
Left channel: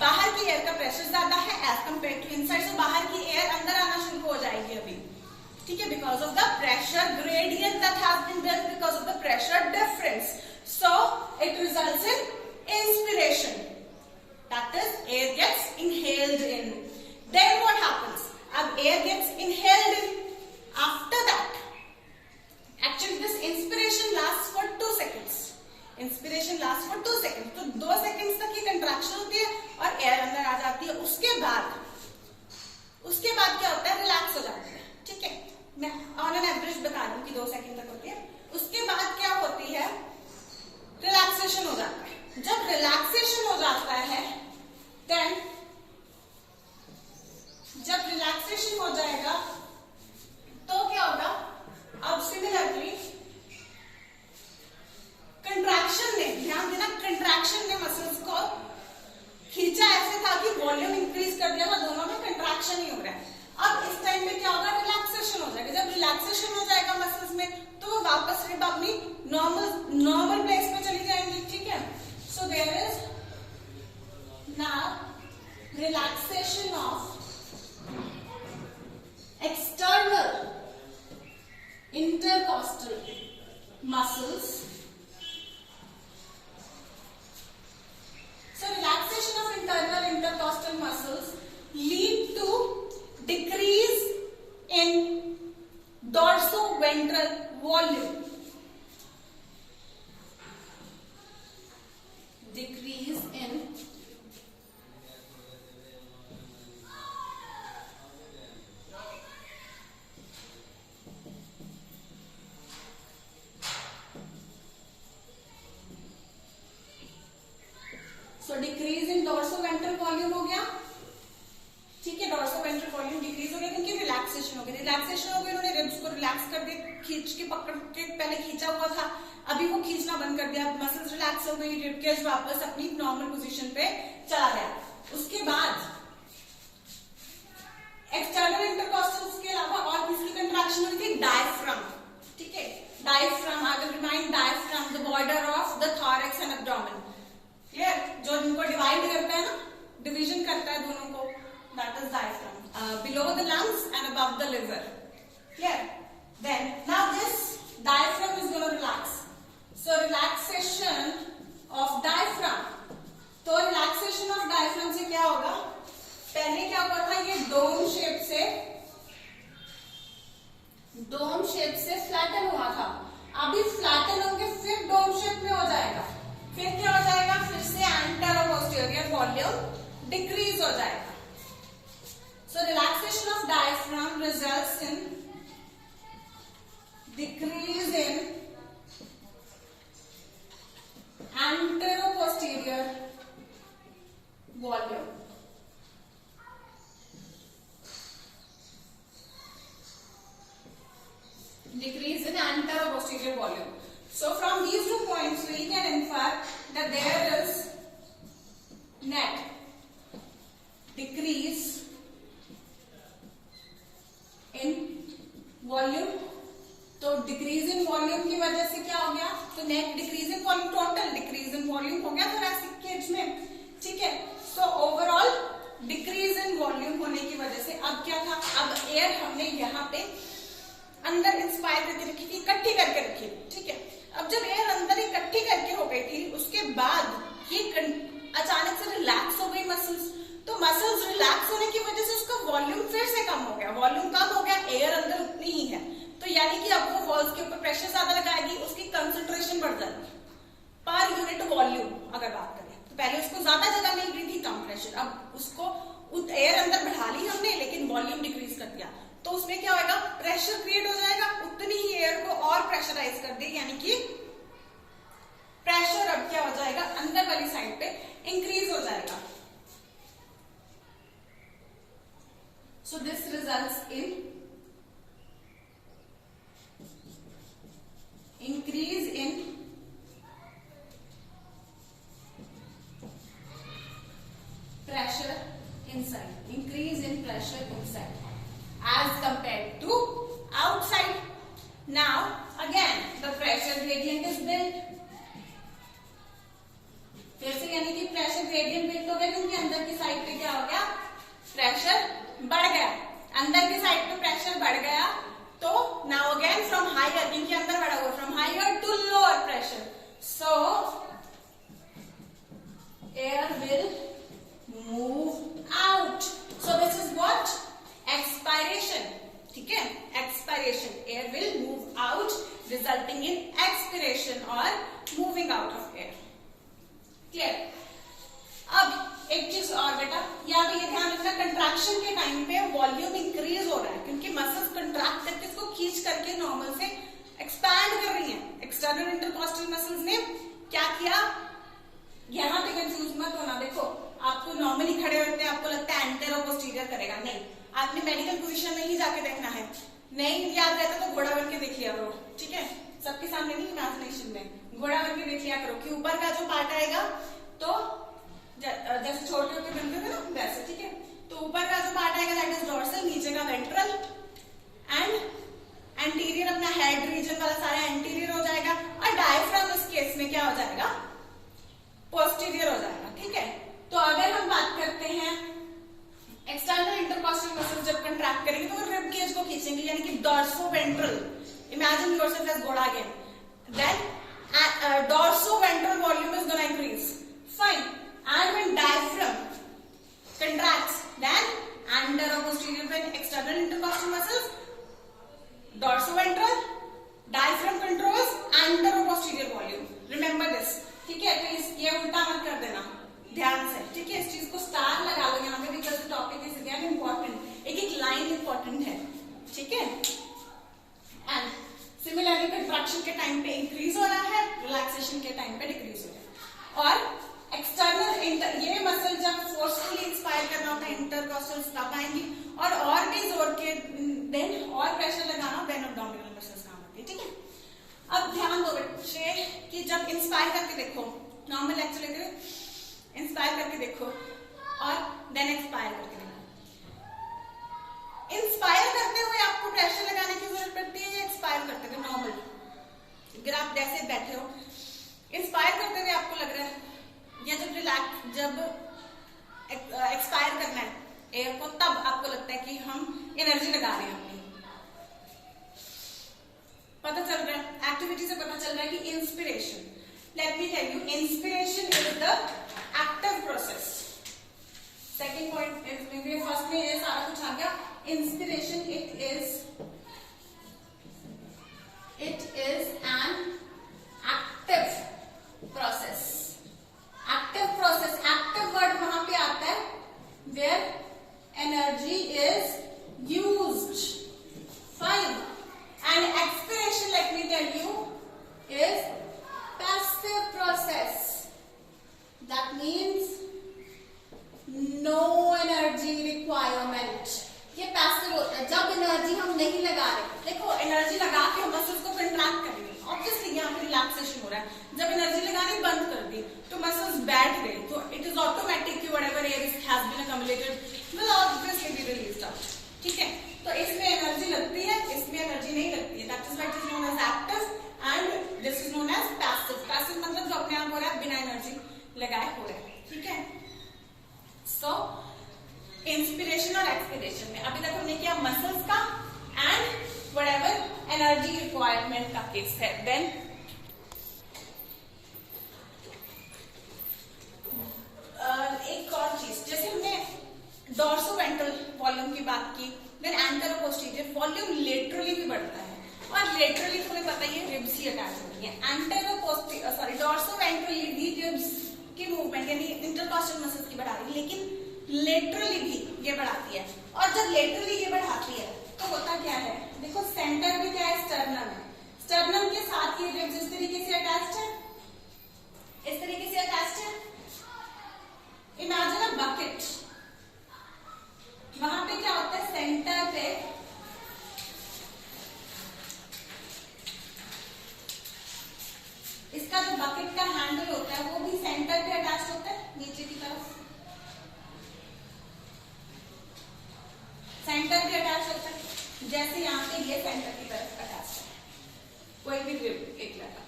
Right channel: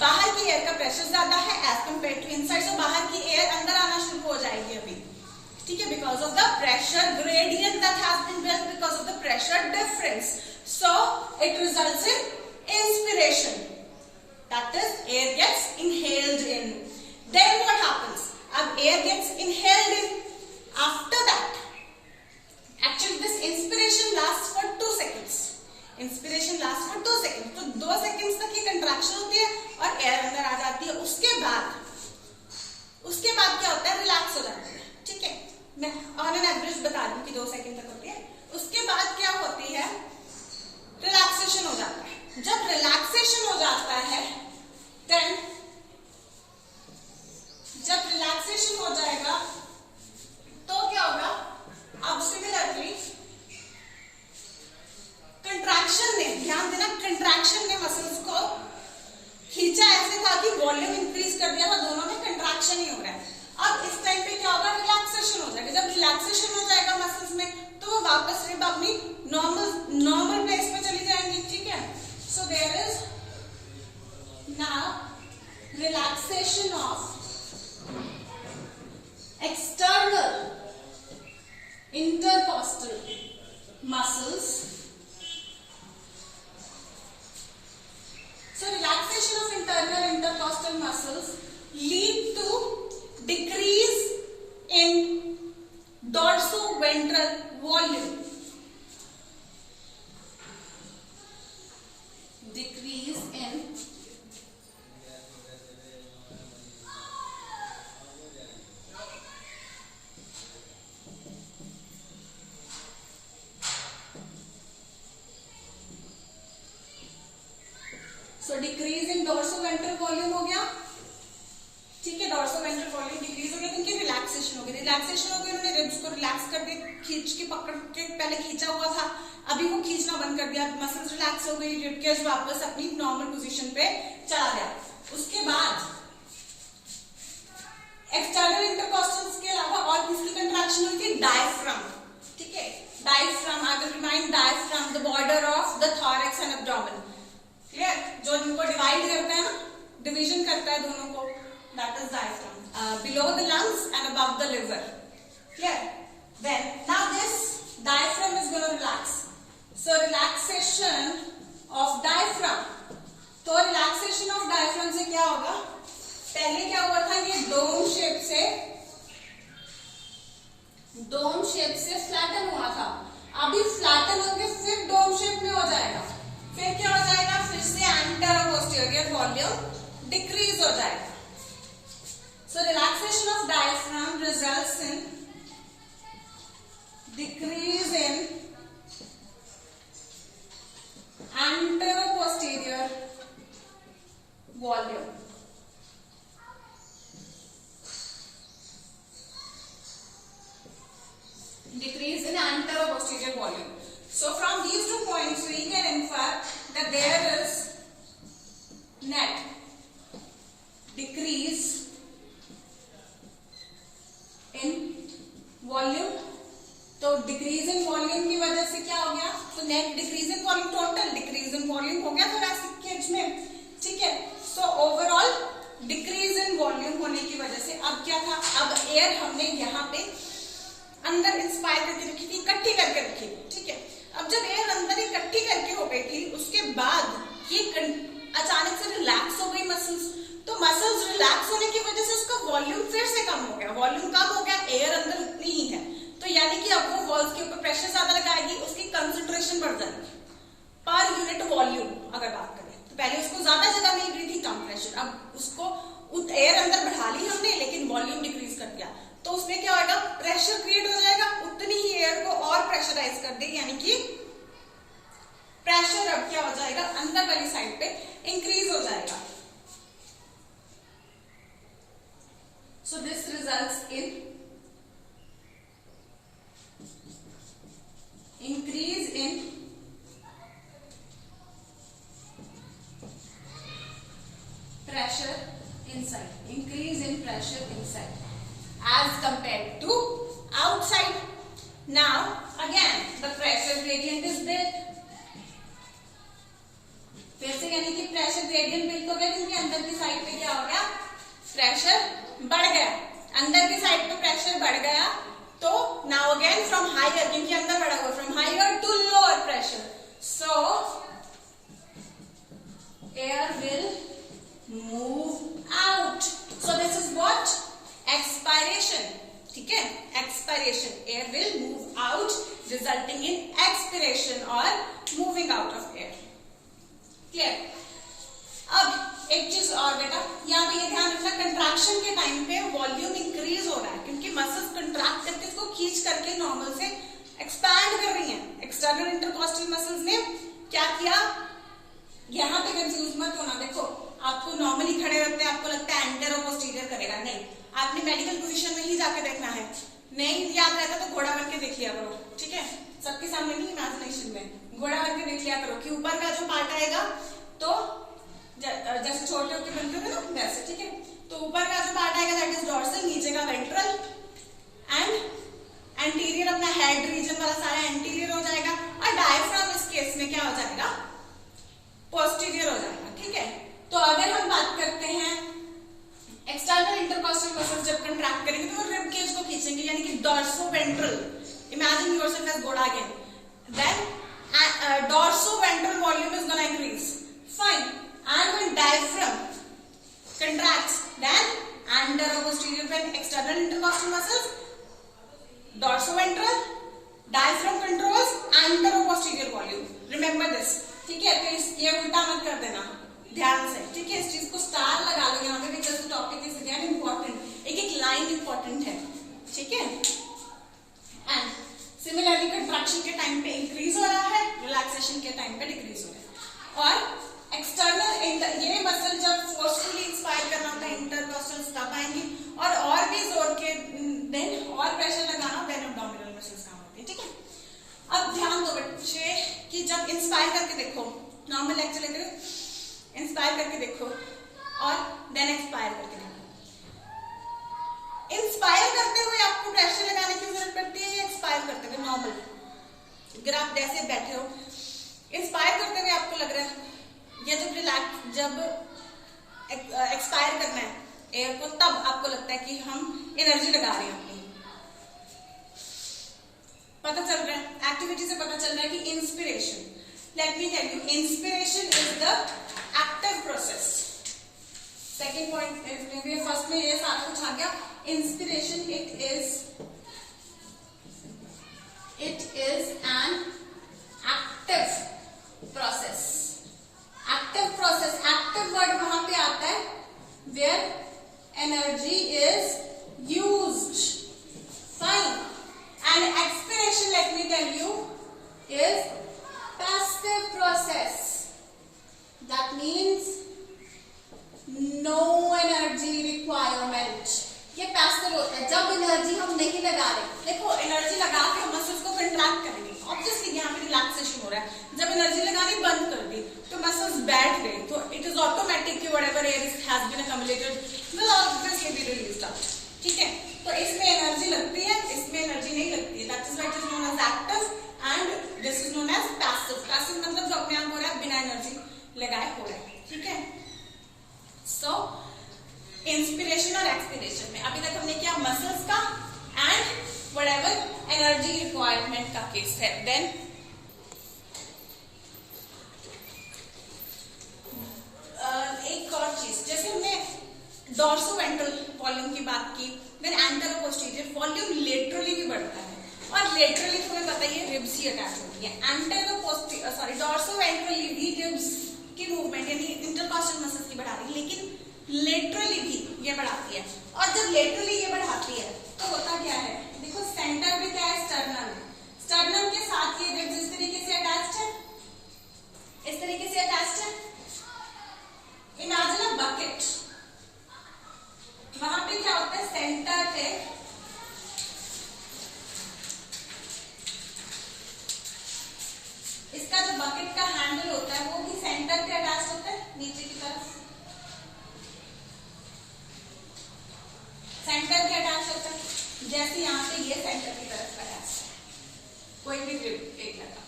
बाहर की air का pressure ज्यादा है as compare to inside, so बाहर की air अंदर आना शुरू हो जाएगी अभी। ठीक है, because of the pressure gradient that has been built because of the pressure difference, so it results in inspiration, that is air gets inhaled in. Then what happens? अब air gets inhaled in, after that actually this inspiration lasts for 2 seconds. Inspiration lasts for 2 seconds. तो 2 seconds तक ये contraction होती है और air अंदर आ जाती है. उसके बाद क्या होता है? रिलैक्स हो जाती है. ठीक है, मैं ऑन एन एवरेज बता रही हूँ कि 2 सेकंड तक होती है. उसके बाद क्या होती है? रिलैक्सेशन हो जाता है. जब रिलैक्सेशन हो जाता है देन जब रिलैक्सेशन हो जाएगा तो क्या होगा? अब सिमिलरली कंट्रैक्शन ने, ध्यान देना, कंट्रैक्शन ने मसल्स को खींचा ऐसे था कि वॉल्यूम इंक्रीज कर दिया था, दोनों में कंट्रैक्शन ही हो रहा है. अब इस टाइम पे क्या होगा? रिलैक्सेशन हो जाएगा. जब रिलैक्सेशन हो जाएगा मसल्स में तो वो वापस रिब अपनी नॉर्मल प्लेस पे चली जाएंगी. ठीक है, so there is now relaxation of external intercostal muscles. So relaxation of internal intercostal muscles lead to decrease in dorsoventral volume. Decrease in decrease in dorsoventral volume हो गया. ठीक है, डोर्सोवेंट्रल वॉल्यूम डिक्रीज हो गया क्योंकि रिलैक्सेशन हो गई. रिलैक्सेशन हो गई, उन्होंने रिब्स को रिलैक्स कर दिया, खींच के पकड़ के पहले खींचा हुआ था, अभी वो खींचना बंद कर दिया, मसल्स रिलैक्स हो गई, रिब केज वापस अपनी नॉर्मल पोजीशन पे चला गया. उसके बाद एक्सटर्नल इंटरकॉस्टल्स के अलावा और किसकी कंट्रैक्शन हुई थी? डायफ्राम. ठीक है, diaphragm, I will remind diaphragm, the border of the thorax and abdomen. Clear, जो इनको डिवाइड करता है ना, डिवीजन करता है दोनों को, that is diaphragm, below the lungs and above the liver. Clear, then now this diaphragm is gonna relax. So relaxation of diaphragm. तो रिलैक्सेशन ऑफ डायफ्राम से क्या होगा? पहले क्या हुआ था? ये डोम शेप से फ्लैटन हुआ था. अभी फ्लैटन होके फिर डोम शेप में हो जाएगा. फिर क्या हो जाएगा? फिर से एंटेरो पोस्टीरियर वॉल्यूम डिक्रीज हो जाएगा. So relaxation of diaphragm results in decrease in antero posterior volume. Decrease in anteroposterior volume. So from these 2 points we can infer that there is net decrease in volume. तो decrease in volume की वजह से क्या हो गया? तो net decrease in volume, total decrease in volume हो गया थोरैसिक केज में. ठीक है, so overall decrease in volume होने की वजह से अब क्या था? अब एयर हमने यहाँ पे अंदर इंस्पायर करके रखी थी, इकट्ठी करके रखी थी. ठीक है, अब जब एयर अंदर इकट्ठी करके हो गई थी, उसके बाद ये अचानक से रिलैक्स हो गई मसल्स. तो मसल्स रिलैक्स होने की वजह से उसका वॉल्यूम फिर से कम हो गया. वॉल्यूम कम हो गया, एयर अंदर उतनी ही है, तो यानी कि अब वो वॉल्स के ऊपर प्रेशर ज्यादा लगाएगी, उसकी कंसंट्रेशन बढ़ जाएगी पर यूनिट वॉल्यूम. अगर बात करें तो पहले उसको ज्यादा जगह मिल रही थी, कम प्रेशर, अब उसको एयर अंदर बढ़ा ली हमने लेकिन वॉल्यूम डिक्रीज कर दिया. तो उसमें क्या होगा? प्रेशर क्रिएट हो जाएगा, उतनी ही एयर को और प्रेशराइज कर दे, यानी कि प्रेशर अब क्या हो जाएगा? अंदर वाली साइड पे इंक्रीज हो जाएगा. So this results in increase in pressure inside, increase in pressure inside as compared to outside. Now again the pressure gradient is built. फिर से यानी कि प्रेशर ग्रेडियंट बिल्ड हो गया क्योंकि अंदर की साइड पे क्या हो गया? प्रेशर बढ़ गया. अंदर की साइड पे प्रेशर बढ़ गया नाउ अगेन फ्रॉम हायर, क्योंकि अंदर बढ़ा हुआ, from higher to lower pressure, so air will move out, so this is what, expiration, ठीक है, expiration, air will move out resulting in expiration और moving out of air, clear. अब एक चीज और बेटा, यहाँ पे ये ध्यान रखना, कंट्रैक्शन के टाइम पे वॉल्यूम इंक्रीज हो रहा है क्योंकि मसल्स कंट्रैक्ट करके इसको खींच करके नॉर्मल से एक्सपैंड कर रही हैं। एक्सटर्नल इंटरकॉस्टल मसल्स ने क्या किया, यहाँ पे कंफ्यूज मत होना, देखो आपको नॉर्मली खड़े होते हैं आपको लगता है एंटेरो पोस्टीरियर करेगा, नहीं, आपने मेडिकल पोजीशन में ही जाके देखना है, नहीं याद रहता तो घोड़ा बन के देख लिया करो, ठीक है, सबके सामने नहीं, इमेजिनेशन में घोड़ा बन के देख लिया करो कि ऊपर का जो पार्ट आएगा तो जैसे छोटे होते बनते थे ना वैसे, ठीक है, तो ऊपर का जो पार्ट आएगा दैट इज डॉर्सल, नीचे का वेंट्रल एंड एंटीरियर अपना हेड रीजन वाला सारा एंटीरियर हो जाएगा, और डायफ्राम इस केस में क्या हो जाएगा, पोस्टीरियर हो जाएगा, ठीक है। तो अगर हम बात करते हैं एक्सटर्नल इंटरकॉस्टल मसल्स जब कंट्रैक्ट करेंगे तो वो रिब केज को खींचेंगे, यानी कि dorso ventral, imagine yourself as घोड़ा again, then dorso ventral volume is gonna increase, fine, and when diaphragm contracts then anteroposterior, when external intercostal muscles dorsoventral, diaphragm controls anteroposterior volume, remember this, ठीक है। तो ये उल्टा मत कर देना ध्यान से, ठीक है, इस चीज को स्टार लगा लो यहाँ पे, because the topic is again important, एक एक लाइन इंपॉर्टेंट है, ठीक है। एंड सिमिलरली कंट्रैक्शन के टाइम पे इंक्रीज हो रहा है, रिलैक्सेशन के टाइम पे डिक्रीज हो रहा है, और एक्सटर्नल ये मसल जब फोर्सफुली इंस्पायर करना होता है इंटरकॉस्टल्स तब आएंगी, और भी जोर के देन और प्रेशर लगाना देन एब्डोमिनल मसल्स काम होती है, ठीक है। अब ध्यान दो बच्चे कि जब इंस्पायर करके देखो, नॉर्मल लेक्चर लेते हो, इंस्पायर करके देखो और देन एक्सपायर करके देखो, इंस्पायर करते हुए आपको प्रेशर लगाने की जरूरत पड़ती है, एक्सपायर करते हुए नॉर्मल, अगर आप जैसे बैठे हो इंस्पायर करते हुए आपको लग रहा है, या जब एक्सपायर करना है एयर को, तब आपको लगता है कि हम एनर्जी लगा रहे हैं अपनी, पता चल रहा है, एक्टिविटी से पता चल रहा है कि inspiration, let me tell you, inspiration is the active process, second point is, मेरे फर्स्ट में ये सारा कुछ आ गया, inspiration it is an active process, active process, active word वहां पे आता है where energy is used, fine, and expiration let me tell you is passive process, that means no energy requirement, ये पैसिव होता है जब एनर्जी हम नहीं लगा रहे, देखो एनर्जी लगा के हम मसल्स को कंट्रैक्ट करेंगे, ऑब्वियसली यहाँ पे रिलैक्सेशन हो रहा है, जब एनर्जी लगानी बंद कर दी तो मसल्स बैठ गए, तो इट इज ऑटोमेटिक कि whatever air has been accumulated will obviously be released out, ठीक है। तो इसमें एनर्जी लगती है, इसमें एनर्जी नहीं लगती है, that is why it is known as active and this is known as passive, passive मतलब जो अपने आप हो रहा है बिना एनर्जी लगाए हो रहा है, ठीक है। सो इंस्पिरेशन और एक्सपिरेशन में अभी तक हमने किया मसल्स का एंड व्हाटएवर एनर्जी रिक्वायरमेंट का केस है, देन एक और चीज, जैसे हमने डॉर्सोवेंट्रल वॉल्यूम की बात की, देन एंटेरोपोस्टीरियर वॉल्यूम लेटरली भी बढ़ता है, और लेटरली तुम्हें पता ही है रिब्स ही अटैच होती है, डॉर्सोवेंट्रली भी रिब्स की मूवमेंट यानी इंटरकॉस्टल मसल्स की बढ़ा रही है, लेकिन लेटरली भी ये बढ़ाती है, और जब लेटरली ये बढ़ाती है तो होता क्या है, देखो सेंटर में क्या है, स्टर्नम है, स्टर्नम के साथ ये रिब्स इस तरीके से अटैच्ड है, इस तरीके से अटैच्ड है, इमेजिन अ बकेट, वहां पे क्या होता है, सेंटर पे इसका जो बकेट का हैंडल होता है वो भी सेंटर पे अटैच होता है, नीचे की तरफ सेंटर पे अटैच होता है, जैसे यहाँ पे ये सेंटर की तरफ अटैच है, कोई भी ग्रिप एक लगा,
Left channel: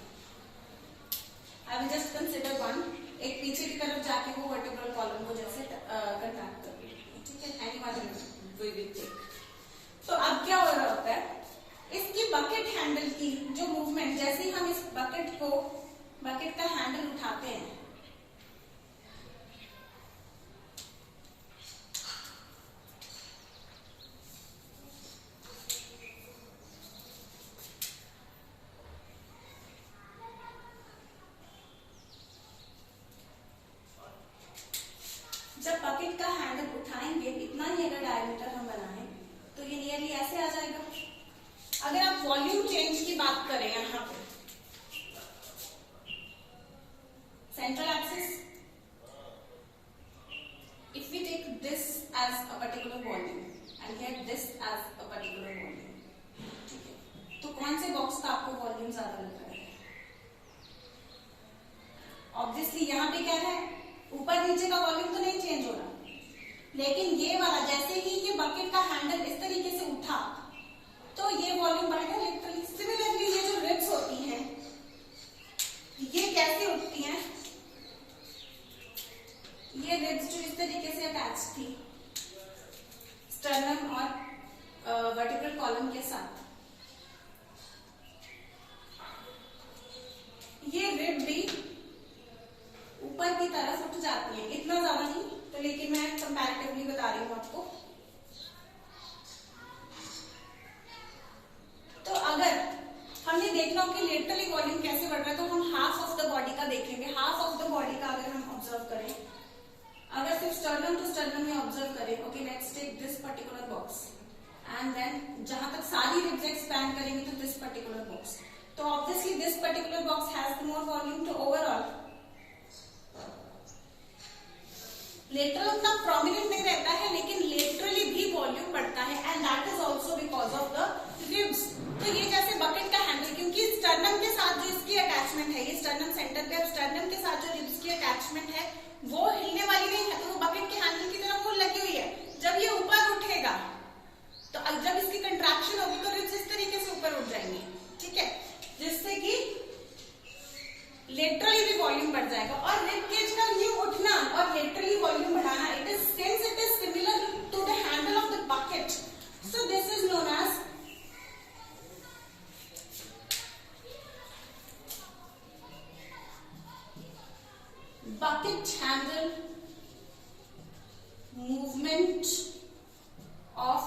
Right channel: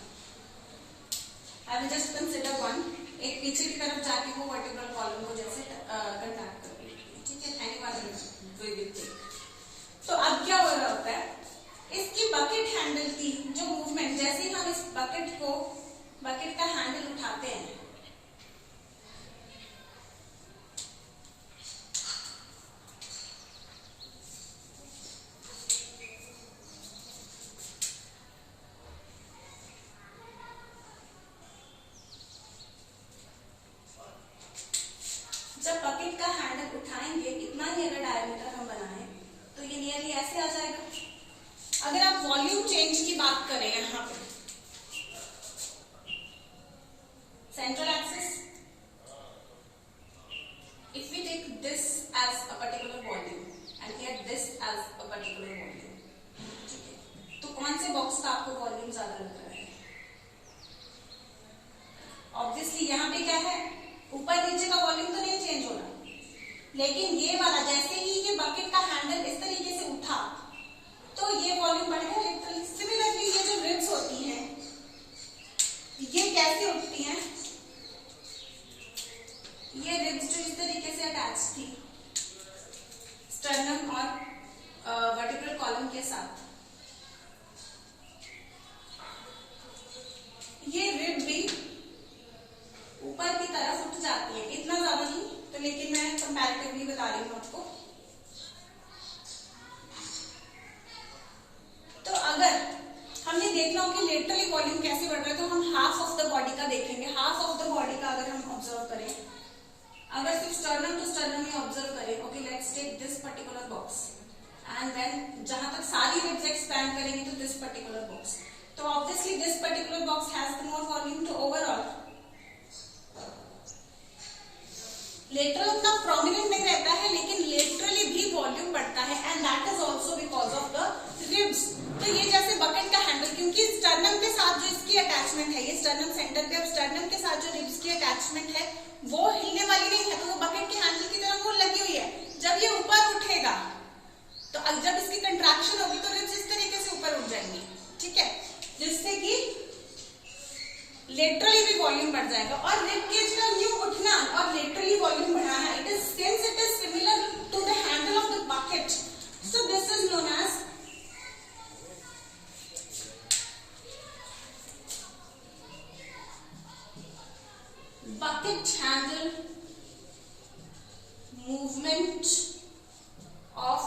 I will just consider one, एक पीछे की तरफ जाके वो वर्टिब्रल कॉलम को जैसे कंट्रैक्ट कर रही है, ठीक है, any one we will take. तो अब क्या हो रहा होता है, इसकी बकेट हैंडल की जो मूवमेंट, जैसे ही हम इस बकेट का हैंडल उठाते हैं, जब बकेट का हैंडल उठाएंगे, इतना ही अगर डायमीटर हम बनाएं तो ये नियरली ऐसे आ जाएगा। अगर आप वॉल्यूम चेंज की बात करें, यहाँ पे central axis, if we take this as a particular volume and here this as a particular volume, ठीक है, तो कौन से बॉक्स का आपको वॉल्यूम ज्यादा लग रहा है? ऑब्वियसली यहाँ पे क्या है, ऊपर नीचे का वॉल्यूम तो नहीं चेंज हो रहा, लेकिन ये वाला जैसे ही ये बकेट का हैंडल इस तरीके से उठा तो ये वॉल्यूम बढ़ गया लिटरली। सिमिलरली ये जो रिब्स होती हैं, ये कैसे उठती हैं? ये रिब्स जो इस तरीके से अटैच थी स्टर्नम और वर्टिब्रल कॉलम के साथ, ये रिब भी ऊपर की तरफ उठ जाती है, इतना ज्यादा नहीं तो, लेकिन मैं कंपैरेटिवली बता रही हूँ आपको। तो अगर हमने देखना हो कि लेटरली वॉल्यूम कैसे बढ़ रहा है, तो हम हाफ ऑफ द बॉडी का देखेंगे। हाफ ऑफ द बॉडी का अगर हम ऑब्जर्व करें, अगर सिर्फ स्टर्नम टू स्टर्नम ही ऑब्जर्व करें, okay let's take this particular box and then जहां तक सारी रिब्स एक्सपैंड करेंगे तो दिस पर्टिकुलर बॉक्स, तो obviously this particular box has the more volume, तो ओवरऑल लेटरल उतना प्रोमिनेंट नहीं रहता है, लेकिन लेटरली भी वॉल्यूम बढ़ता है and that is also because of the ribs. तो ये जैसे बकेट का हैंडल, क्योंकि स्टर्नम के साथ जो इसकी अटैचमेंट है, ये स्टर्नम सेंटर पे, अब स्टर्नम के साथ जो रिब्स की अटैचमेंट है वो हिलने वाली नहीं है, तो वो बकेट के हैंडल की तरह वो लगी हुई है। जब ये ऊपर उठेगा तो जब इसकी कंट्रैक्शन होगी तो रिब्स इस तरीके से ऊपर उठ जाएंगी, ठीक है, जिससे कि लेटरली भी वॉल्यूम बढ़ जाएगा। और रिब केज का न्यू उठना और लेटरली वॉल्यूम बढ़ाना, it is similar to the handle of the bucket, so this is known as bucket handle movement of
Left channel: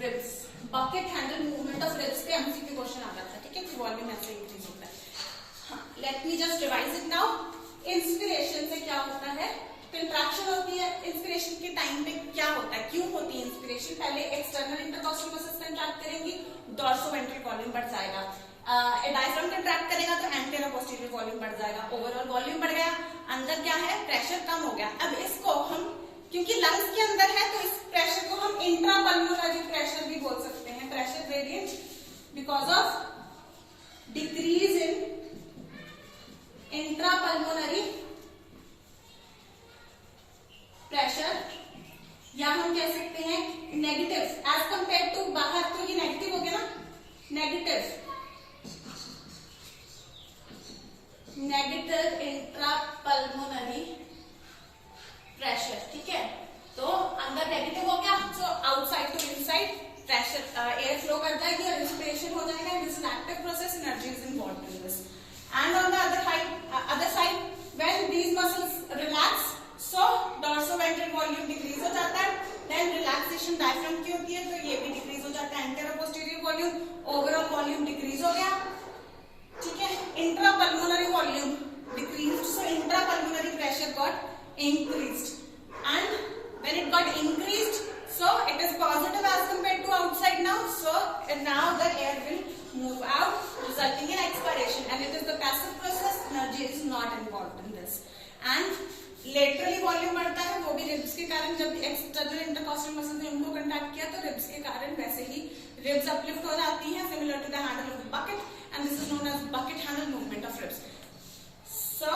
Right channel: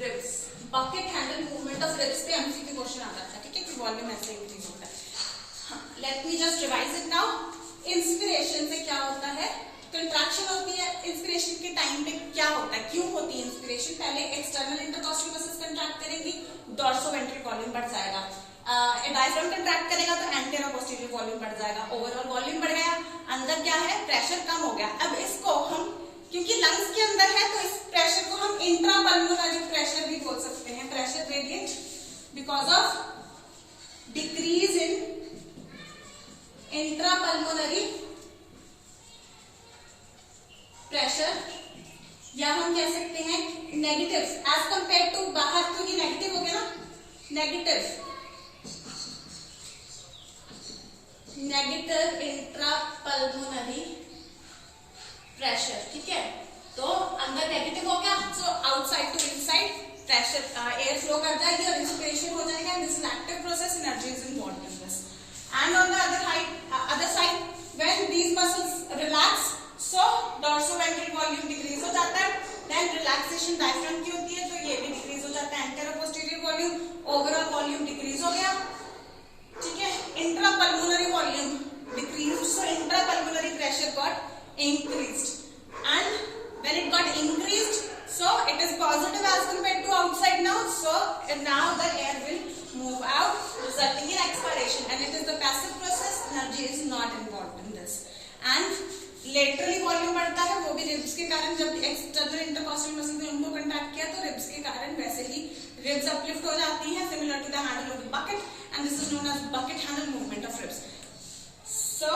ribs। bucket handle movement of ribs पे एमसीक्यू क्वेश्चन आता था, ठीक है, कि वॉल्यूम ऐसे इंक्रीज होता है। Let me just revise it now. Inspiration से क्या होता है? कंट्रैक्शन होती है। इंस्पिरेशन के टाइम पे क्या होता है, क्यों होती है इंस्पिरेशन? पहले एक्सटर्नल इंटरकॉस्टल मसल्स कंट्रैक्ट करेंगी, डॉर्सोवेंट्रल वॉल्यूम बढ़ जाएगा। डायफ्राम कंट्रैक्ट करेगा तो एंटेरो पोस्टीरियर वॉल्यूम बढ़ जाएगा, ओवरऑल वॉल्यूम बढ़ गया। अंदर क्या है, प्रेशर कम हो गया। अब इसको हम, क्योंकि लंग्स के अंदर है, तो इस प्रेशर को हम इंट्रापल्मोनरी प्रेशर भी बोल सकते हैं, pressure gradient, because of decrease in intrapulmonary pressure, या हम कह सकते हैं नेगेटिव एज कंपेयर टू बाहर, तो ये नेगेटिव हो गया ना, नेगेटिव इंट्रापल्मोनरी प्रेशर, ठीक है। तो अंदर नेगेटिव हो गया, so outside to inside pressure, air flow कर जाएगी और इंस्पिरेशन हो जाएगा। This is active process, energy is involved in this. And on the other side when these muscles relax, so dorsoventral volume decrease हो जाता है। देन रिलैक्सेशन डायफ्राम की होती है, तो ये भी डिक्रीज हो जाता है। Antero posterior volume, overall volume decrease हो गया, ठीक है। Intrapulmonary volume decreased, so intrapulmonary pressure got increased, and when it got increased, so it is positive as compared to outside now, so now the air will move out, resulting in expiration, and it is the passive process, energy is not involved in this। and laterally volume बढ़ता है, वो भी ribs के कारण। जब external intercostal muscles ने उनको contract किया तो रिब्स के कारण वैसे ही रिब्स अपलिफ्ट हो जाती हैं, similar to the handle of the bucket, and this is known as bucket handle movement of ribs। so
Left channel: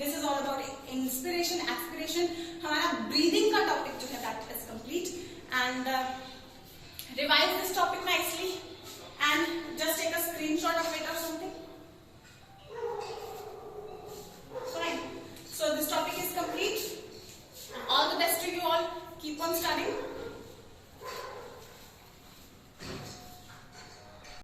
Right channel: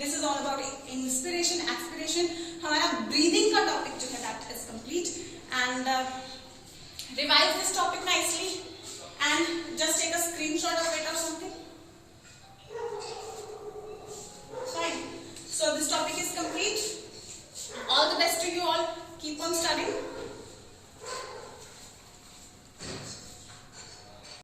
this is all about inspiration, expiration। हमारा breathing का टॉपिक जो है that is complete, and revise this topic nicely and just take a screenshot of it or something, fine। so this topic is complete, all the best to you all, keep on studying।